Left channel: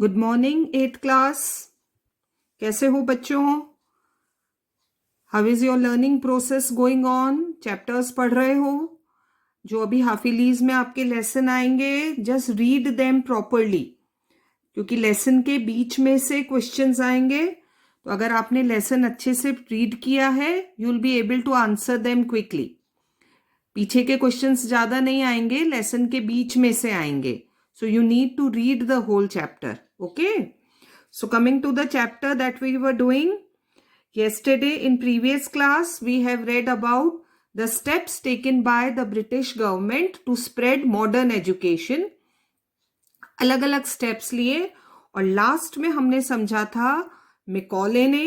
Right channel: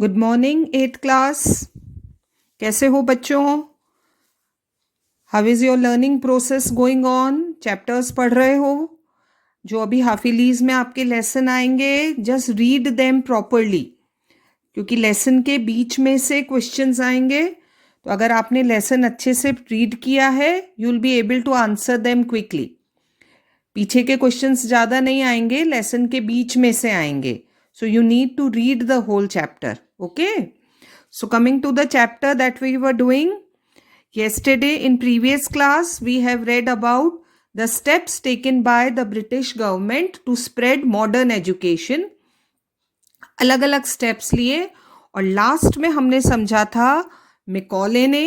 Good morning 8th class. कैसे हो बच्चों? How is your learning process going on? Chapters पढ़ रहे हो? जो अभी हाफिलीज में आपके लेसन आएंगे, जस्ट रीड देम प्रॉपरली, क्योंकि लेसन के बीच में से क्वेश्चंस आएंगे। तो अगर आपने लेसन अच्छे से रीड किया है, you will be able to answer them quickly. पीछे के क्वेश्चंस ज़्यादा नहीं आएंगे, लेसन के बीच में से आएंगे। So you need to read the whole chapter. Okay. So coming to the chapter that we were doing yesterday in previous class, we have read about the steps taken by the British government to spread modern education. अलग अलग steps लिए और last में हमने समझा था Macaulay ने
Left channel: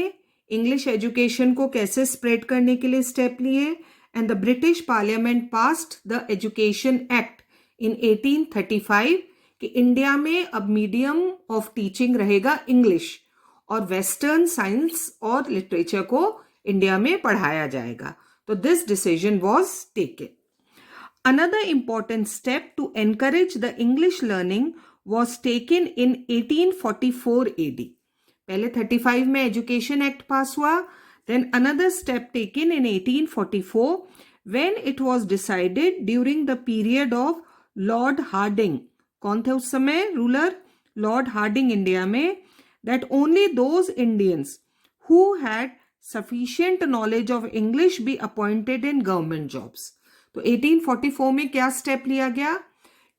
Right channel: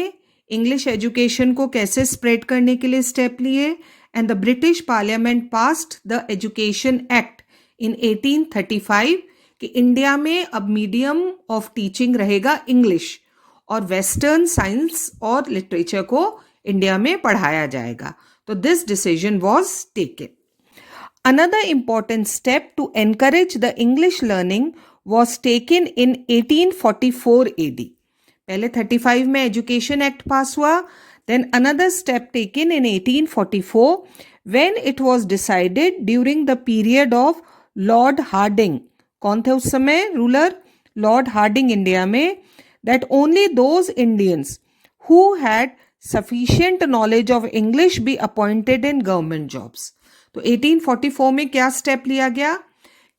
English education को कैसे स्प्रेड करने के लिए स्टेप लिए, and the British parliament passed the education act in 1835 कि इंडिया में अब मीडियम ऑफ टीचिंग रहेगा इंग्लिश और वेस्टर्न साइंस और लिटरेचर को इंडिया में पढ़ाया जाएगा। तो this decision was taken. Another important step to encourage the English learning was taken in 1844 AD। पहले 35 में एजुकेशन एक्ट पास हुआ, then another step taken in 1844 when it was decided during the period of Lord Hardinge. कौन थे उस समय ruler? Lord Hardinge India में। That only those Indians who had sufficient knowledge of English be appointed in government jobs. तो 1844 में क्या step लिया गया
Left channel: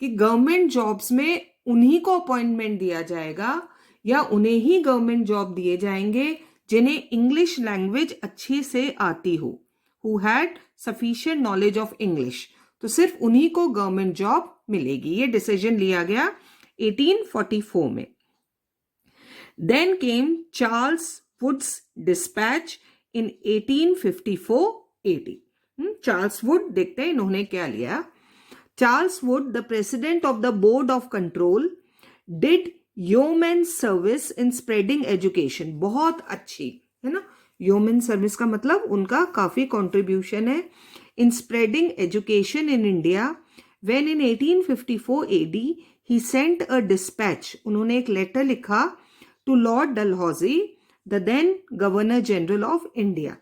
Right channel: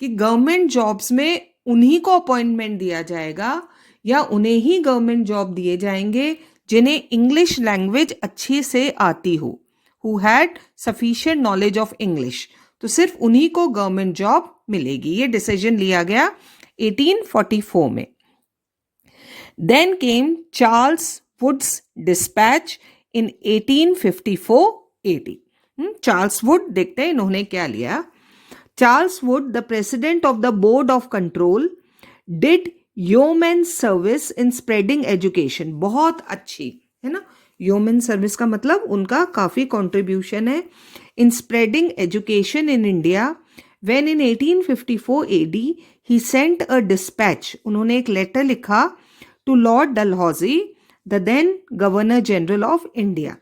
कि गवर्नमेंट जॉब्स में उन्हीं को अपॉइंटमेंट दिया जाएगा या उन्हें ही गवर्नमेंट जॉब दिए जाएंगे जिन्हें इंग्लिश लैंग्वेज अच्छी से आती हो, who had sufficient knowledge of English. तो सिर्फ उन्हीं को गवर्नमेंट जॉब मिलेगी। ये डिसीजन लिया गया 1844 में। Then came Charles Wood's dispatch in 1854 AD। Charles Wood, देखते हैं इन्होंने क्या लिया। Charles Wood, the president of the board of control, did yeoman service in spreading education. बहुत अच्छी है ना, योमैन सर्विस का मतलब उनका काफी कंट्रीब्यूशन है इन spreading education in India. When in 1854 AD he sent a dispatch, उन्होंने एक लेटर लिखा to Lord Dalhousie, the then Governor General of India.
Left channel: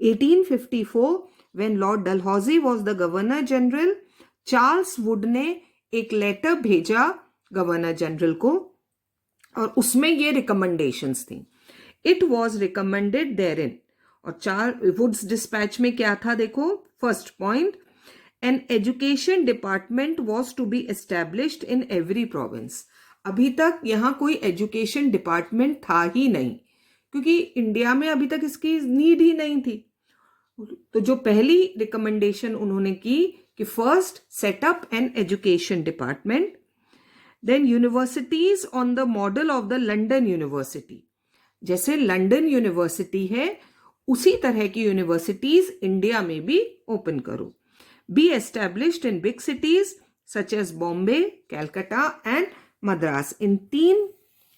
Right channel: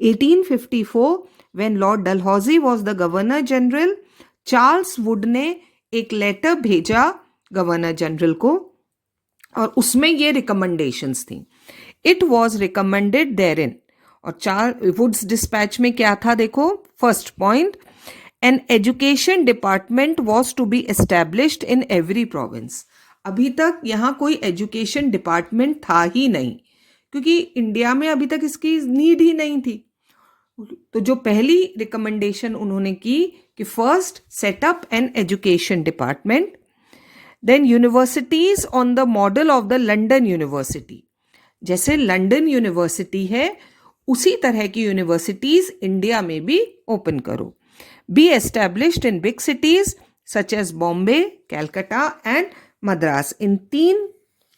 1854 when Lord Dalhousie was the Governor General, Charles Wood ने एक letter भेजा governor general को और उसमें ये रिकमेंडेशंस थी। इट वॉज रिकमेंडेड देयरिन, और चार्ल्स वुड्स डिस्पैच में क्या था देखो। First point, An education department was to be established in every province. अभी तक यहाँ कोई एजुकेशन डिपार्टमेंट था ही नहीं, क्योंकि इंडिया में अभी तक इसकी नीड ही नहीं थी। तो जो पहली रिकमेंडेशन उन्होंने की कि first set up an education department, then universities on the model of the London university. जैसे लंदन यूनिवर्सिटी है उसी तरह की यूनिवर्सिटीज इंडिया में भी ओपन करो। Be established in big cities such as Bombay, Calcutta and Madras. In 3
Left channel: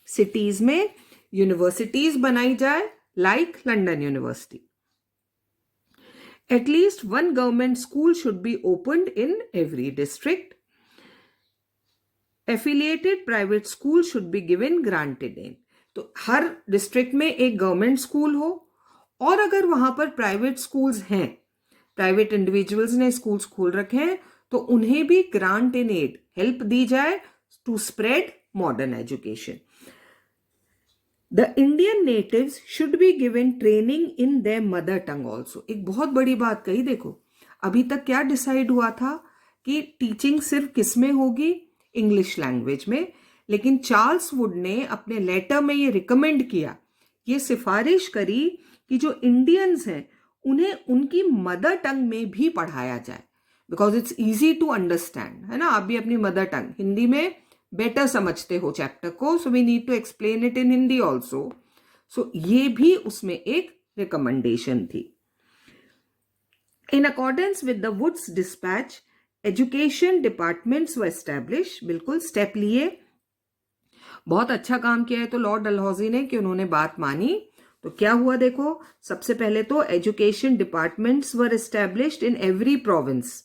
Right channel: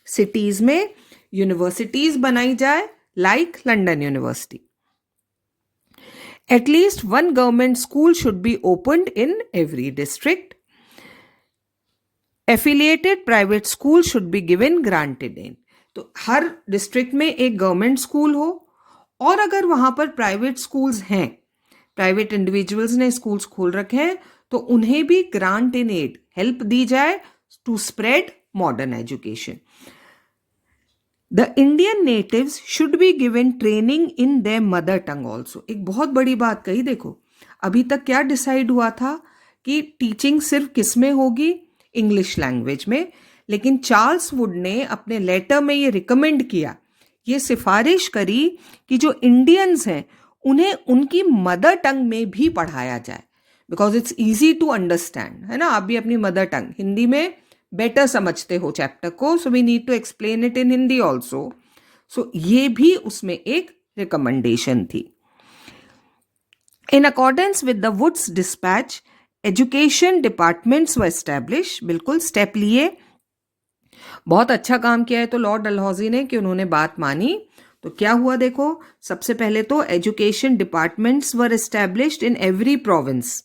cities में universities बनाई जाए like London University. At least one government school should be opened in every district. Affiliated private school should be given granted in. तो हर district में एक government school हो, और अगर वहां पर प्राइवेट स्कूल्स हैं, प्राइवेट इंडिविजुअल्स ने स्कूल्स खोल रखे हैं, तो उन्हें भी ग्रांट इन एड, हेल्प दी जाए to spread modern education. The Indian natives should be given training in their mother tongue also. एक बहुत बड़ी बात कही देखो, अभी तक क्या डिसाइड हुआ था कि टीचिंग सिर्फ किस में होगी? इंग्लिश लैंग्वेज में। लेकिन चार्ल्स वुड ने अपने लेटर में ये रिकमेंड किया, ये सिफारिश करी कि जो इंडियंस हैं उन्हें उनकी मदर टंग में भी पढ़ाया जाए, because it's easy to understand, है ना। आप भी अपनी मदर टंग हिंदी में बेटर समझते हो चैप्टर को, so we need to explain it in Hindi also. सो ये भी उसमें एक रिकमेंडेशन थी। In accordance with the Wood's dispatch, education departments were establish. बिल्कुल स्टेप लिए, बहुत अच्छा काम किया है तो लॉर्ड डलहौजी ने कि उन्होंने बात मानी। तो क्या हुआ देखो, सबसे पहले तो education departments were established in every province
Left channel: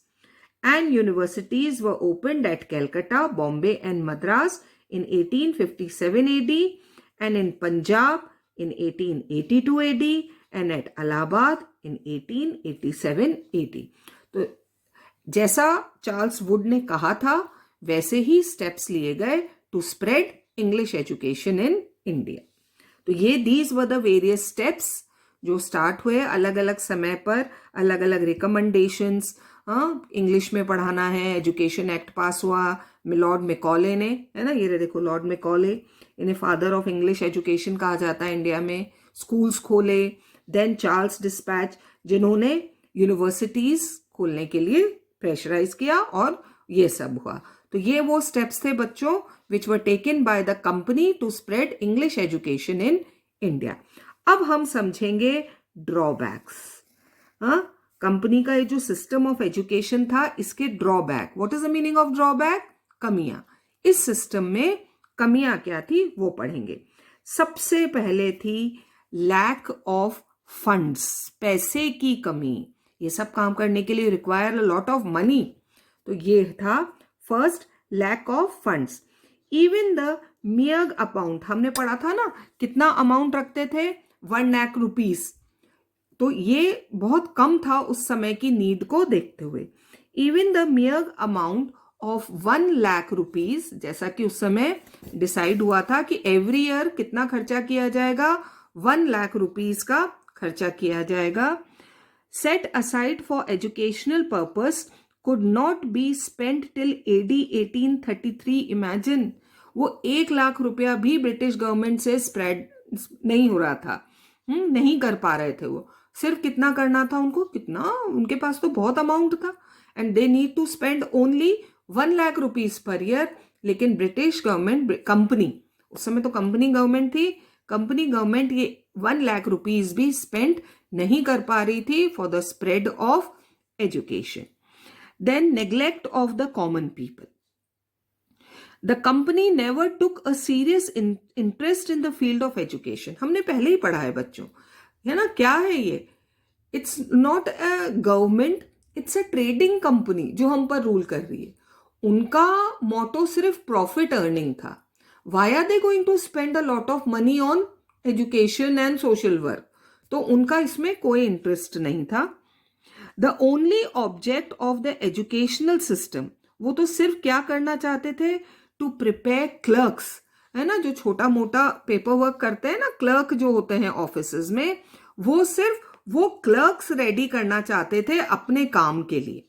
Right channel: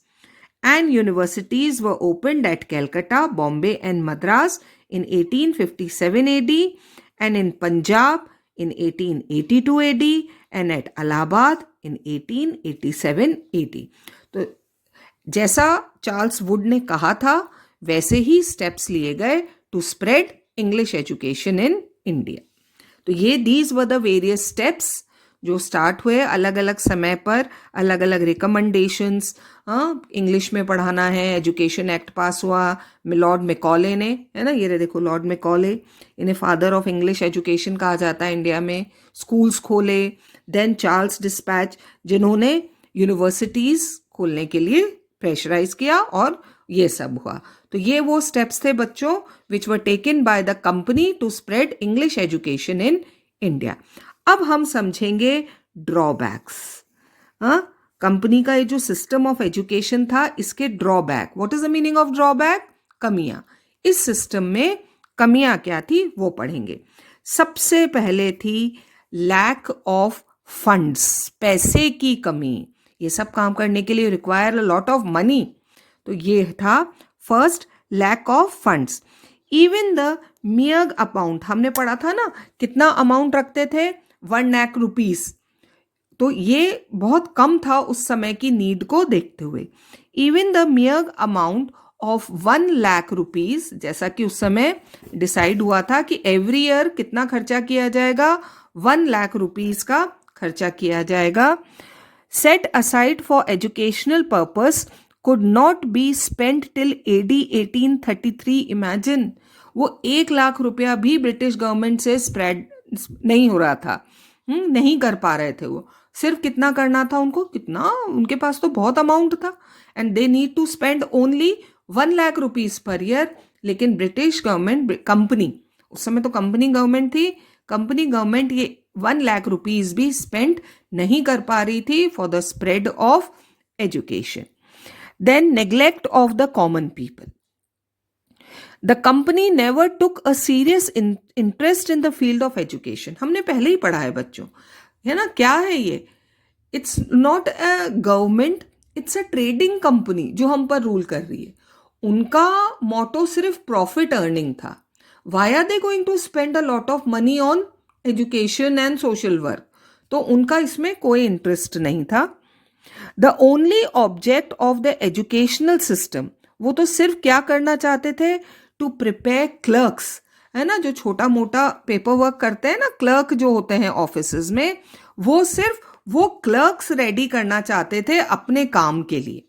and universities were opened at Calcutta, Bombay and Madras in 1857 AD, and in Punjab in 1882 AD, and at Allahabad in 1887 AD. तो जैसा चार्ल्स वुड ने कहा था वैसे ही स्टेप्स लिए गए to spread English education in India. तो ये these were the various steps जो स्टार्ट हुए अलग अलग समय पर, अलग अलग रिकमेंडेशंस. इंग्लिश में पढ़ाना है, एजुकेशन एक्ट पास हुआ लॉर्ड मैकॉले ने, है ना, ये देखो लॉर्ड मैकॉले, इन्हें फादर ऑफ इंग्लिश एजुकेशन कहा जाता है इंडिया में. स्कूल्स खोले. देन चार्ल्स डिस्पैच जिन्होंने यूनिवर्सिटीज खोलने के लिए प्रेशराइज किया और ये सब हुआ. तो ये वो स्टेप्स थे बच्चों which were taken by the company to spread English education in India. अब हम समझेंगे ड्रॉबैक्स. कंपनी का ये जो सिस्टम ऑफ एजुकेशन था इसके drawback. What is the meaning of drawback? कमियां. इस सिस्टम में कमियां क्या थी वो पढ़ेंगे. सबसे पहले थी लैक ऑफ फंड्स, पैसे की कमी. ये सब काम करने के लिए require a lot of money. तो ये था first, lack of funds. Even the mere amount, हमने पढ़ा था ना कितना अमाउंट रखते थे, 1 लाख रुपीस. तो ये बहुत कम था उस समय की नीड को देखते हुए. Even the mere amount of 1 lakh rupees, जैसा कि उस समय डिसाइड हुआ था कि एवरी ईयर कितना खर्चा किया जाएगा, 1 लाख रुपीस का खर्चा किया जाएगा. Set aside for educational purpose could not be spent till AD 1833. Imagine, वो 1 लाख रुपया भी ब्रिटिश गवर्नमेंट से स्प्रेड नहीं हो रहा था. नहीं कर पा रहे थे वो. सिर्फ कितना करना था उनको, कितना, उनके पास तो बहुत अमाउंट था. And they need to spend only 1 lakh rupees per year. लेकिन ब्रिटिश गवर्नमेंट, कंपनी, उस समय तो कंपनी गवर्नमेंट थी, कंपनी गवर्नमेंट ये 1 लाख रुपीज भी स्पेंड नहीं कर पा रही थी for the spread of education. Then neglect of the common people. The company never took a serious interest in the field of education. हमने पहले ही पढ़ा है बच्चों, है ना. क्या है ये? It's not a government, it's a trading company जो हम पर रूल कर रही है. उनका मोटो सिर्फ प्रॉफिट अर्निंग था. Why are they going to spend a lot of money on education and social work? तो उनका इसमें कोई इंटरेस्ट नहीं था. The only object of the educational system, वो तो सिर्फ क्या करना चाहते थे, to prepare clerks, है ना, जो छोटा मोटा पेपर वर्क करते हैं ना, क्लर्क जो होते हैं ऑफिसेज में, वो सिर्फ वो क्लर्क्स रेडी करना चाहते थे अपने काम के लिए,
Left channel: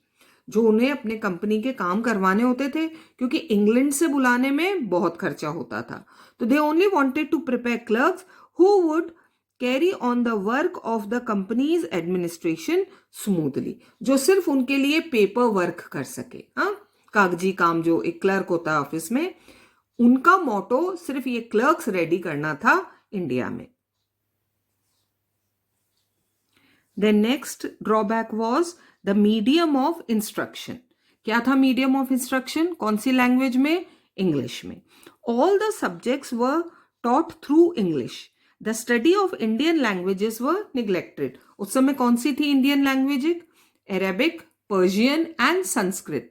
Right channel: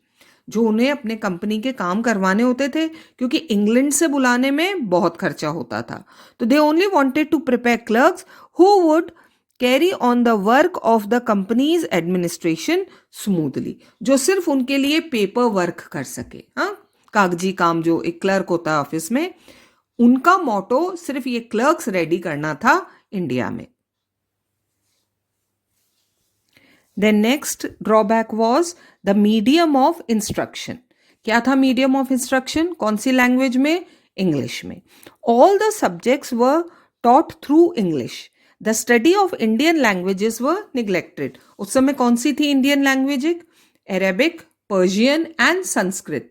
जो उन्हें अपने कंपनी के काम करवाने होते थे, क्योंकि इंग्लैंड से बुलाने में बहुत खर्चा होता था. तो they only wanted to prepare clerks who would carry on the work of the company's administration smoothly, जो सिर्फ उनके लिए पेपर वर्क कर सके. कागजी काम जो एक क्लर्क होता है ऑफिस में, उनका मोटो सिर्फ ये क्लर्क्स रेडी करना था इंडिया में. Then next drawback was the medium of instruction. क्या था मीडियम ऑफ इंस्ट्रक्शन? कौन सी लैंग्वेज में? इंग्लिश में. All the subjects were taught through English. The study of Indian languages were neglected. उस समय कौन सी थी Indian language? Arabic, Persian and Sanskrit,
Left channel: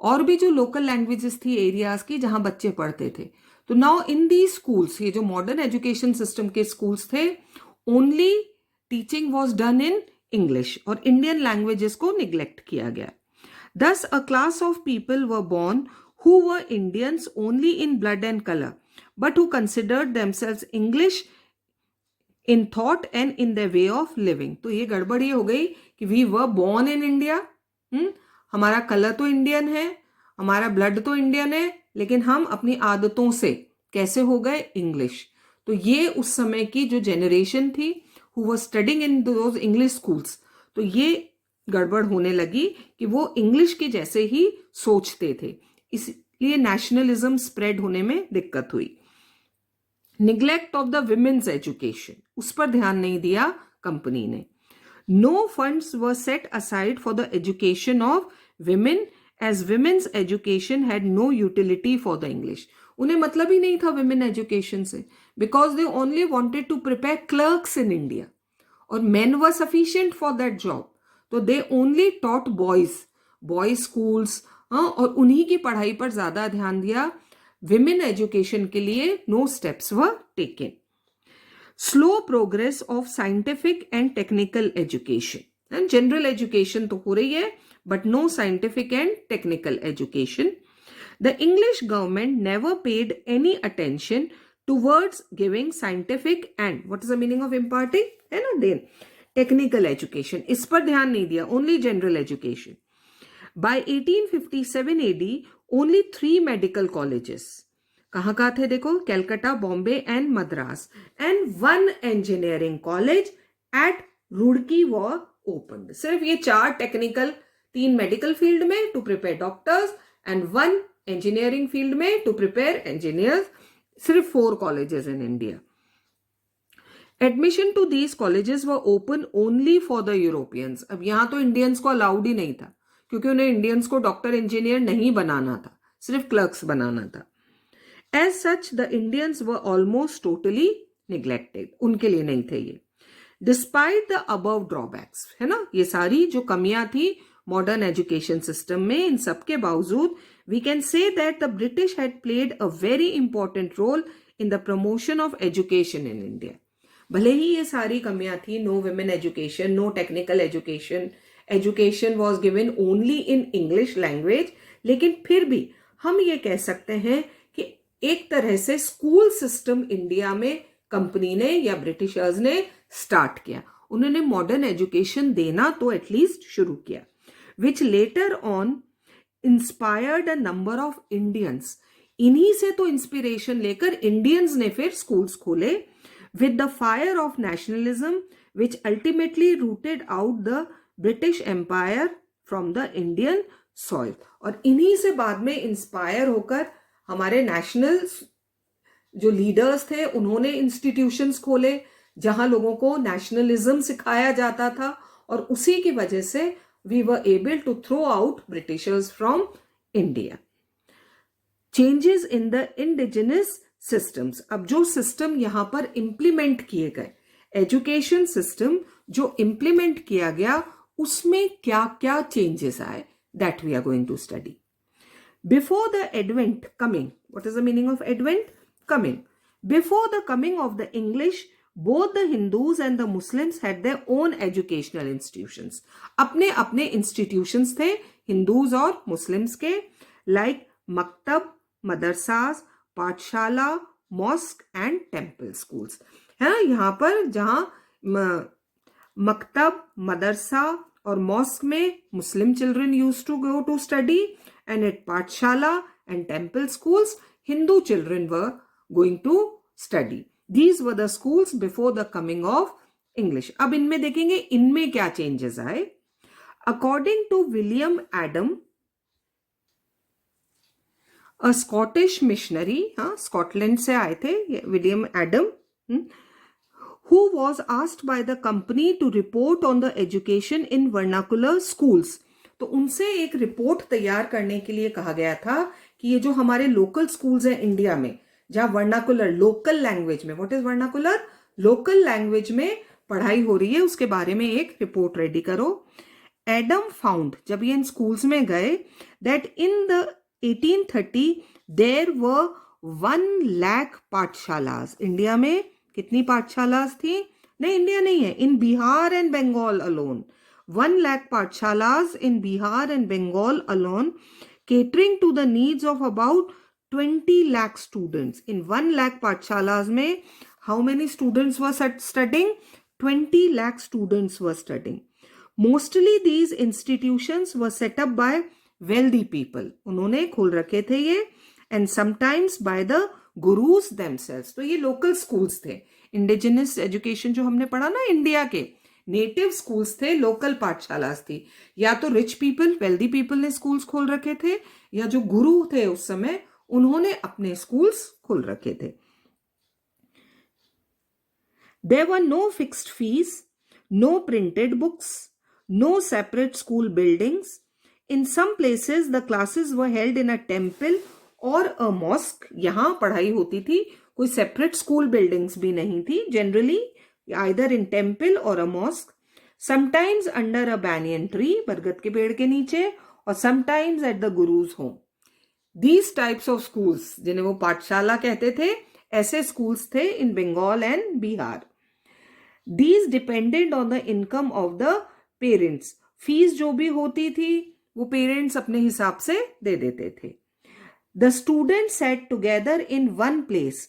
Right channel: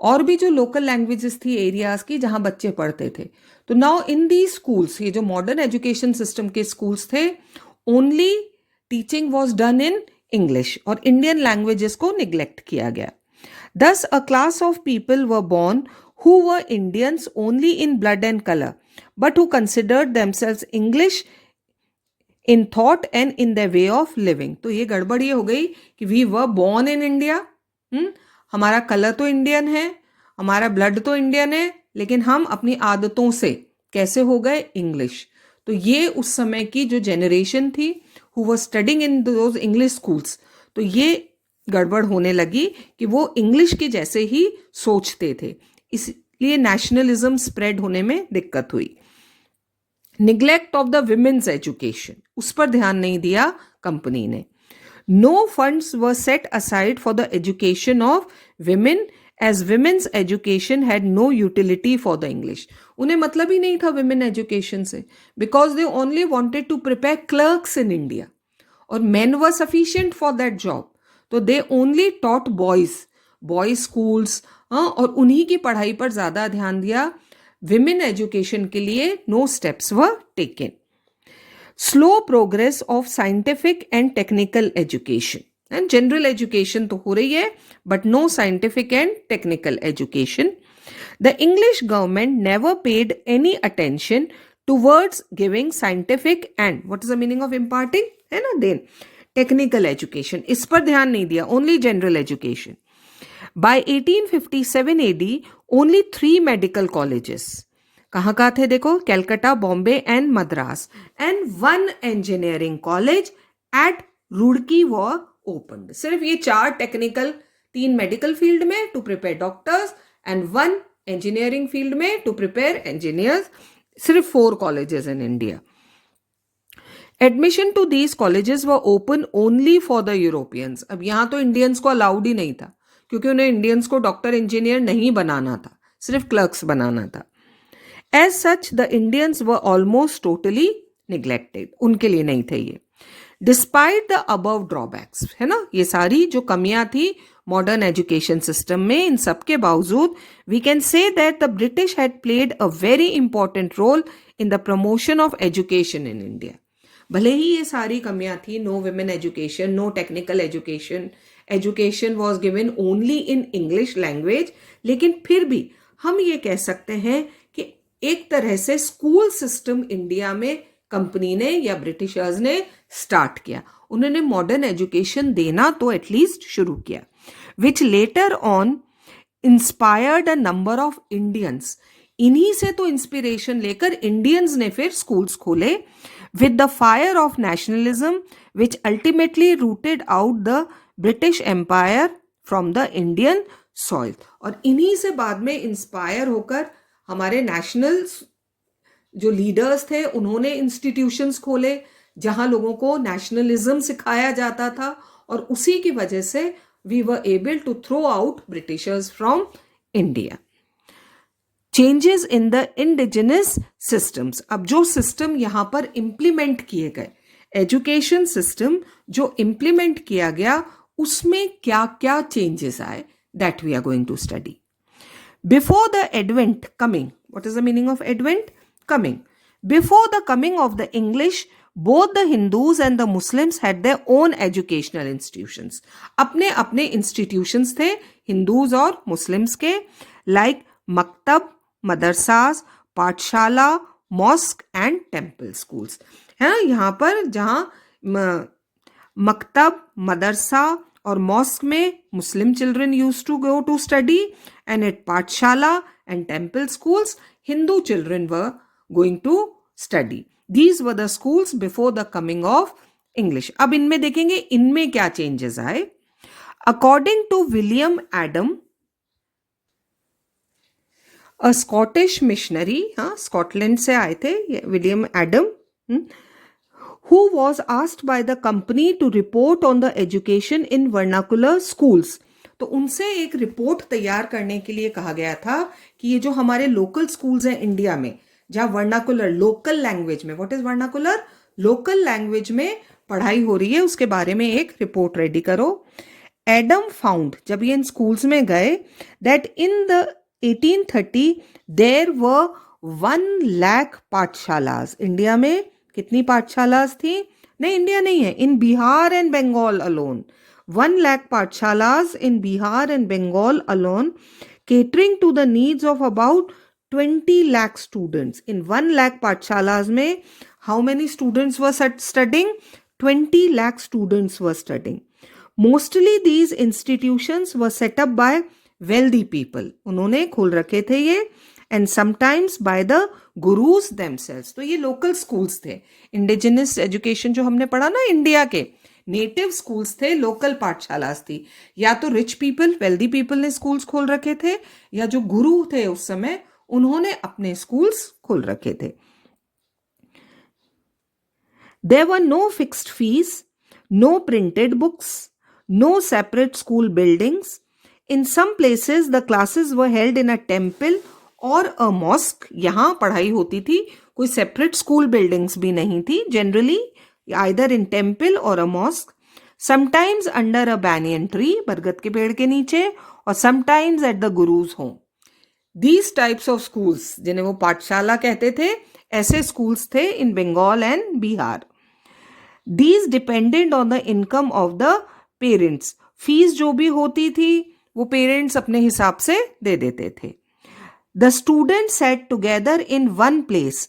और भी जो लोकल लैंग्वेजेस थी एरियाज की जहां बच्चे पढ़ते थे. तो नाउ इन दी स्कूल्स, ये जो मॉडर्न एजुकेशन सिस्टम के स्कूल्स थे, only teaching was done in English और इंडियन लैंग्वेजेस को निग्लेक्ट किया गया. Thus a class of people were born who were Indians only in blood and colour but who considered themselves English in thought and in the way of living. तो ये गड़बड़ ये हो गई कि we were born in India, हमारा colour तो Indian है, हमारा ब्लड तो इंडियन है, लेकिन हम अपनी आदतों से कैसे हो गए इंग्लिश. तो ये उस समय की जो जेनरेशन थी who were studying in those English schools, तो ये गड़बड़ होने लगी कि वो इंग्लिश की जैसे ही सोचते थे, इसलिए नेशनलिज्म स्प्रेड होने में दिक्कत हुई. Neglect of the women's education, उस पर ध्यान नहीं दिया कंपनी ने. No funds were set aside for the education of women as women's education had no utility for the English. उन्हें मतलब ही नहीं था विमेन एजुकेशन से, because they only wanted to prepare clerks in India और men were sufficient for that job. तो they only taught boys schools, और उन्हीं की पढ़ाई पर ज्यादा ध्यान दिया. विमेन एजुकेशन के लिए no steps were taken. Slow progress of scientific and technical education. And general education तो हो रही है, but no scientific and technical education. The English government never paid any attention towards giving scientific and what is the meaning of imparting, है ना, then technical education. इस पर ध्यान नहीं दिया, only general education. By 1857 AD, only 3 medical colleges, कहाँ कहाँ थे देखो, Calcutta, Bombay and Madras, and 1 engineering college at Roorkee was opened. सिर्फ ये 4 टेक्निकल, 3 मेडिकल फील्ड में to prepare doctors and 1 engineering field में टू प्रिपेयर इंजीनियर्स. सिर्फ 4 colleges in India. Admission to these colleges were open only for the Europeans. अब यहाँ तो Indians को allowed ही नहीं था, क्योंकि उन्हें इंडियंस को डॉक्टर इंजीनियर नहीं बनाना था, सिर्फ क्लर्क्स बनाना था. As such the Indians were almost totally neglected. उनके लिए नहीं थे ये. डिस्पाइट द अबव ड्रॉबैक्स, है ना, ये सारी जो कमियां थी मॉडर्न एजुकेशन सिस्टम में, इन सब के बावजूद we can say that the British had played a very important role in the promotion of education in India. भले ही ये सारी कमियां थी, no women education, no technical education, education was given only in English language, लेकिन फिर भी हम ये कह सकते हैं कि एक तरह से स्कूल सिस्टम इंडिया में कंपनी ने या ब्रिटिशर्स ने स्टार्ट किया. उन्होंने मॉडर्न एजुकेशन देना तो एटलीस्ट शुरू किया, which later on inspired a number of Indians. इन्हीं से तो इंस्पिरेशन लेकर इंडियंस ने फिर स्कूल्स खोले with the fire of nationalism which ultimately rooted out the British empire from the Indian soil. और इन्हीं से बाद में इंस्पायर होकर हमारे नेशनल जो लीडर्स थे उन्होंने इंस्टीट्यूशंस खोले जहां लोगों को नेशनलिज्म सिखाया जाता था, और उसी की वजह से we were able to throw out Britishers from India. Changes in the indigenous systems. अब जो सिस्टम यहाँ पर इम्प्लीमेंट किए गए, एजुकेशन सिस्टम जो इम्प्लीमेंट किया गया, उसमें क्या क्या चेंजेस आए, that we are going to study. Before the advent coming, what is the meaning of advent? Coming. Before the coming of the English, both the Hindus and the Muslims had their own educational institutions. अपने अपने institutions थे Hindus और Muslims के, like मकतब, मदरसाज, पाठशाला, mosque and temple schools. है ना, यहाँ पर जहाँ मकतब, मदरसा और मॉस्क में Muslim children use to go to study, and at pathshala and temple schools Hindu children were going to study. These were the schools before the coming of English. अब इनमें देखेंगे इनमें क्या चेंजेस आए. According to William Adam, a Scottish missionary, Scotland से आए थे William Adam, who was asked by the company to report on the education in vernacular schools. तो उनसे एक रिपोर्ट तैयार करने के लिए कहा गया था कि ये जो हमारे लोकल स्कूल्स हैं इंडिया में, जहां वर्नाकुलर लोकल लैंग्वेज में, what is vernacular, local language में पढ़ाई हो रही है, उसके बारे में एक रिपोर्ट रेडी करो. एडम फाउंड, जब ये इन स्कूल्स में गए, that in the 1830 there were 1 lakh pathshalas. India में कितनी पाठशालास थी? नहीं, इंडिया नहीं है, in Bihar and Bengal alone. 1 lakh pathshalas in Bihar and Bengal alone, catering to the needs of about 20 lakh students. In 1 lakh pathshalas mein, how many students were studying? 20 lakh students were studying. Mostly these institutions were set up by wealthy people. उन्होंने खोल रखे थे ये, and sometimes by the gurus themselves. तो ये local schools थे. Indigenous education जो हमने पढ़ा ना इंडिया के, नेटिव स्कूल्स थे, लोकल पाठशालास थी. या तो रिच पीपल, वेल्दी पीपल ने स्कूल्स खोल रखे थे, या जो गुरु थे उस समय उन्होंने अपने स्कूल्स खोल रखे थे. There were no fixed fees, no printed books, no separate school buildings. In some places the classes were held in a temple or a mosque. यहाँ पढ़ाई होती थी, कोई separate school buildings भी नहीं थी. Generally either in temple or a mosque, sometimes under a banyan tree, बरगद के पेड़ के नीचे, और sometimes at the guru's home. These types of schools, जिन्हें वो पाठशाला कहते थे, ऐसे स्कूल्स थे in Bengal and Bihar. These depended on the income of the parents. Fees जो भी होती थी वो पेरेंट्स अपने हिसाब से दे देते थे. The students sat together in one place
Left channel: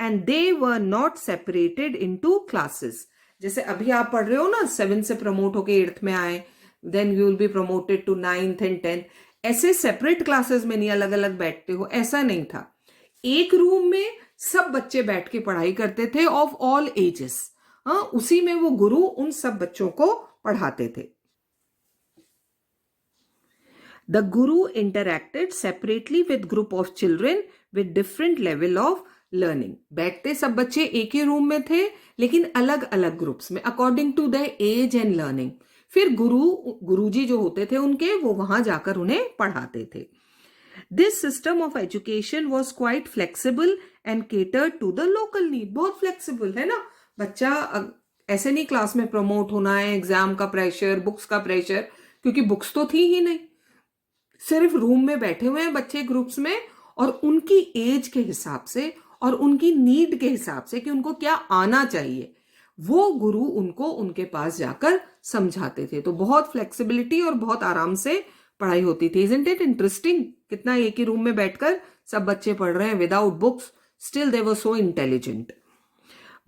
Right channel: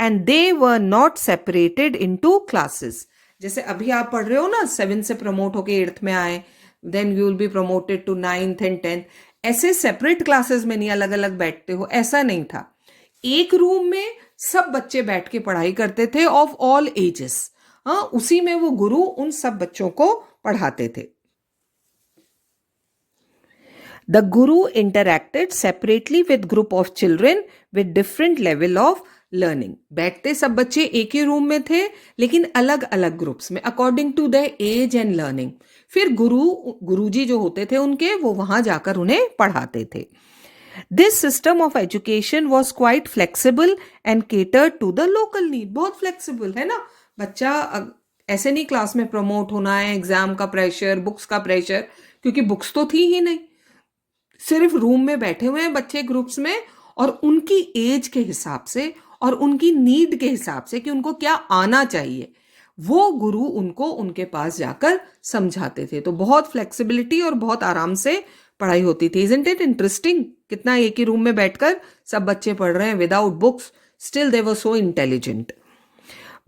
and they were not separated into classes. जैसे अभी आप पढ़ रहे हो ना, 7 से प्रमोट होके 8th में आए, then you will be promoted to 9th and 10th. ऐसे सेपरेट क्लासेस में नहीं अलग अलग बैठते हो, ऐसा नहीं था. एक रूम में सब बच्चे बैठ के पढ़ाई करते थे ऑफ ऑल एजेस. हाँ, उसी में वो गुरु उन सब बच्चों को पढ़ाते थे. The guru interacted separately with group of children with different level of learning. बैठते सब बच्चे एक ही रूम में थे लेकिन अलग अलग ग्रुप्स में according to the age and learning. फिर गुरुजी जो होते थे उनके, वो वहां जाकर उन्हें पढ़ाते थे. This system of education was quite flexible and catered to the local need. बहुत फ्लेक्सिबल है ना. बच्चा ऐसे नहीं क्लास में प्रमोट होना है, एग्जाम का प्रेशर, बुक्स का प्रेशर, क्योंकि बुक्स तो थी ही नहीं. सिर्फ रूम में बैठे हुए हैं बच्चे ग्रुप्स में, और उनकी एज के हिसाब से और उनकी नीड के हिसाब से कि उनको क्या आना चाहिए, वो गुरु उनको उनके पास जाकर समझाते थे. तो बहुत फ्लेक्सिबिलिटी और बहुत आराम से पढ़ाई होती थी. Isn't it interesting? कितना एक ही रूम में बैठकर सब बच्चे पढ़ रहे हैं without books, still they were so intelligent.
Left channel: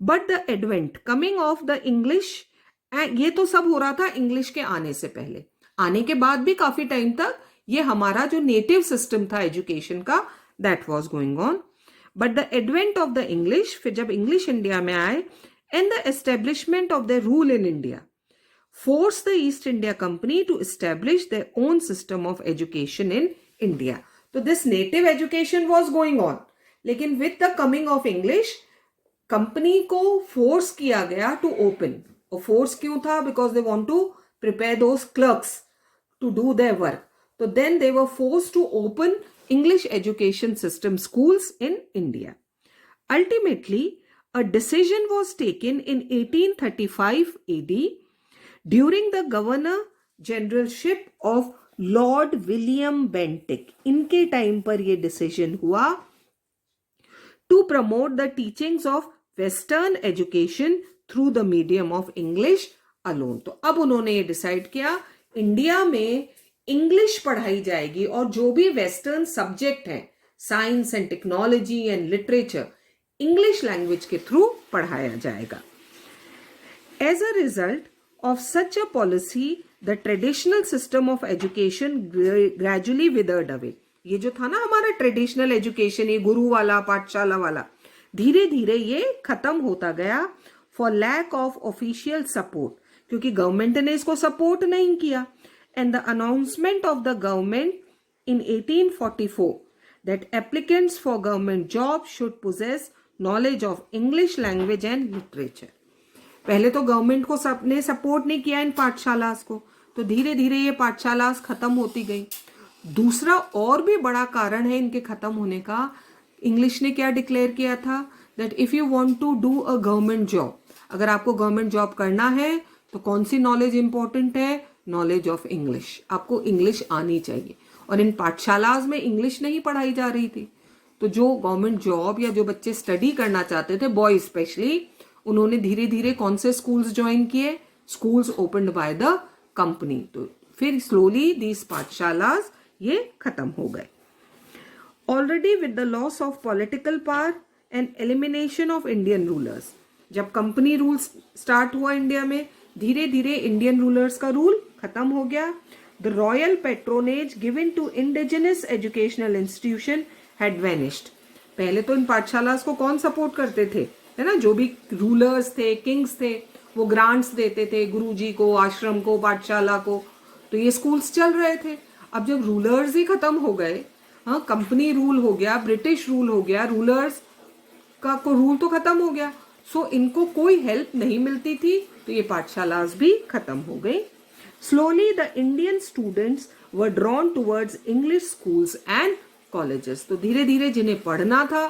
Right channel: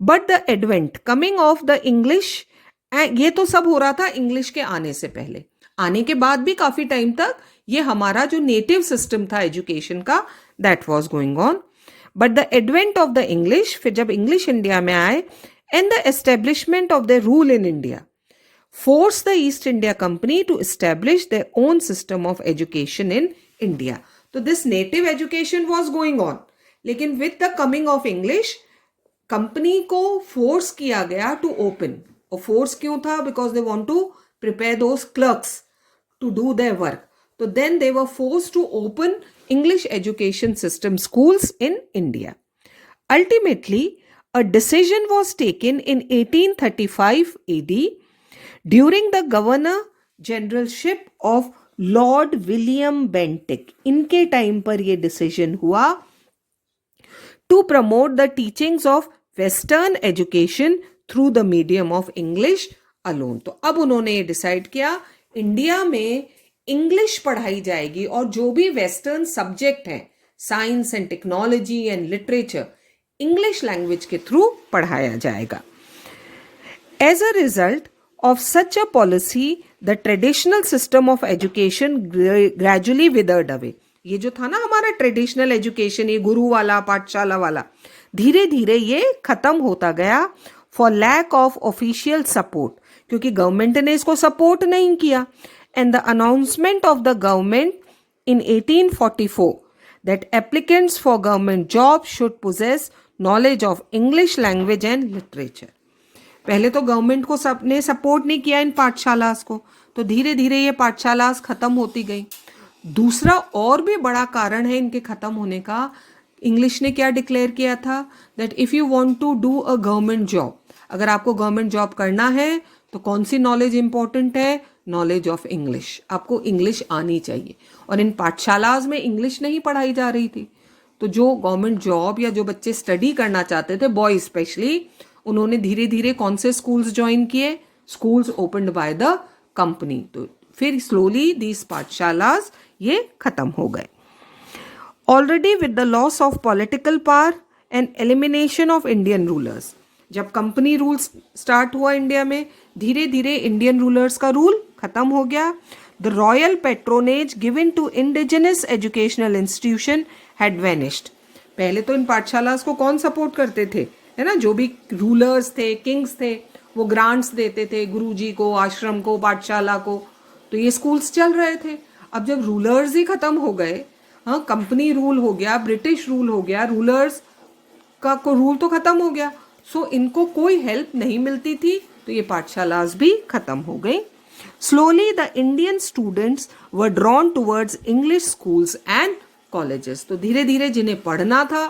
But the advent coming of the English, ये तो सब हो रहा था इंग्लिश के आने से पहले. आने के बाद भी काफी टाइम तक ये हमारा जो नेटिव सिस्टम था एजुकेशन का, that was going on. But the advent of the English, फिर जब इंग्लिश इंडिया में आए, and the establishment of the rule in India, forced the East India Company to establish their own system of education in India. So this native education was going on, लेकिन with the coming of English, company को force किया गया to open. और force क्यों था? Because they want to prepare those clerks to do their work. तो then they were force to open English education system schools in India. Ultimately, a decision was taken in 1835 AD during the governor generalship of Lord William Bentinck. इनके time पर यह decision हुआ to promote the teachings of Western education through the medium of English alone. तो अब उन्होंने ये decide किया India में इंग्लिश पढ़ाई जाएगी और जो भी वेस्टर्न सब्जेक्ट हैं, science and technology and literature, English language के थ्रू पढ़ाया जाएगा. As a result of such a policy, the traditional system of education gradually withered away. ये जो था ना हमारा ट्रेडिशनल एजुकेशन, ये गुरु वाला, पाठशाला वाला, धीरे धीरे ये खत्म होता गया for lack of official support, क्योंकि गवर्नमेंट ने इसको सपोर्ट नहीं किया. And the announcement of the government in 1844 that applicants for government job should possess knowledge of English language and literature. पहले तो गवर्नमेंट को ने सपोर्ट नहीं किया इन पाठशालास को, तो धीरे धीरे ये पाठशालास खत्म होती गई. दूसरा और भी बड़ा कारण है इनके खत्म होने का, इंग्लिश ने क्या डिक्लेयर किया था, that if you want to do a government job, अगर आपको गवर्नमेंट जॉब करना है तो कौन सी नॉलेज इंपॉर्टेंट है? Knowledge of English. आपको इंग्लिश आनी चाहिए. और इन पाठशालास में इंग्लिश नहीं पढ़ाई जा रही थी, तो जो गवर्नमेंट जॉब या जो बच्चे स्टडी करना चाहते थे, बॉय स्पेशली, उन्होंने धीरे धीरे कौन से स्कूल्स ज्वाइन किए? Schools opened bye the company. तो फिर स्लोली दीज पाठशालास ये खत्म हो गए. Already with the loss of political power and elimination of Indian rulers, जब कंपनी रूल स्टार्ट हुआ इंडिया में, धीरे धीरे इंडियन रूलर्स का रूल खत्म हो गया. The royal patronage given to indigenous educational institution had vanished. पहले तो इन पाठशालास को कौन सपोर्ट करते थे, है ना? जो भी रूलर्स थे, किंग्स थे, वो ग्रांट्स देते थे गुरुजी को, आश्रम को, पाठशाला को, तो ये स्कूल्स चल रहे थे. अब जब रूलर्स ही खत्म हो गए, हाँ, कंपनी रूल हो गया, ब्रिटिश रूल हो गया, रूलर्स का को रूल तो खत्म हो गया, सो इनको कोई हेल्प नहीं मिलती थी, तो ये पाठशालास भी खत्म हो गई. Slowly the Indian students were drawn towards English schools and colleges. तो धीरे धीरे जिन्हें पढ़ना था,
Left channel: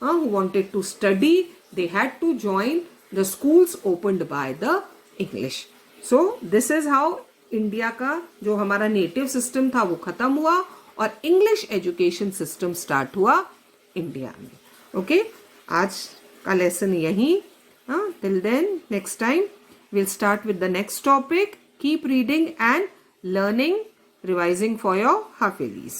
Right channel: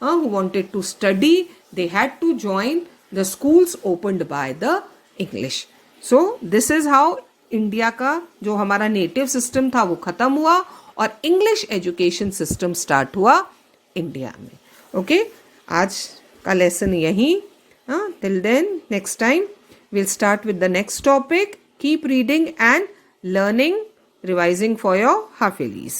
who wanted to study, they had to join the schools opened by the English. So this is how India का जो हमारा नेटिव सिस्टम था वो खत्म हुआ और इंग्लिश एजुकेशन सिस्टम स्टार्ट हुआ इंडिया में. ओके, आज का लेसन यहीं. Till then next time we'll start with the next topic. Keep reading and learning, revising for your half yearlies.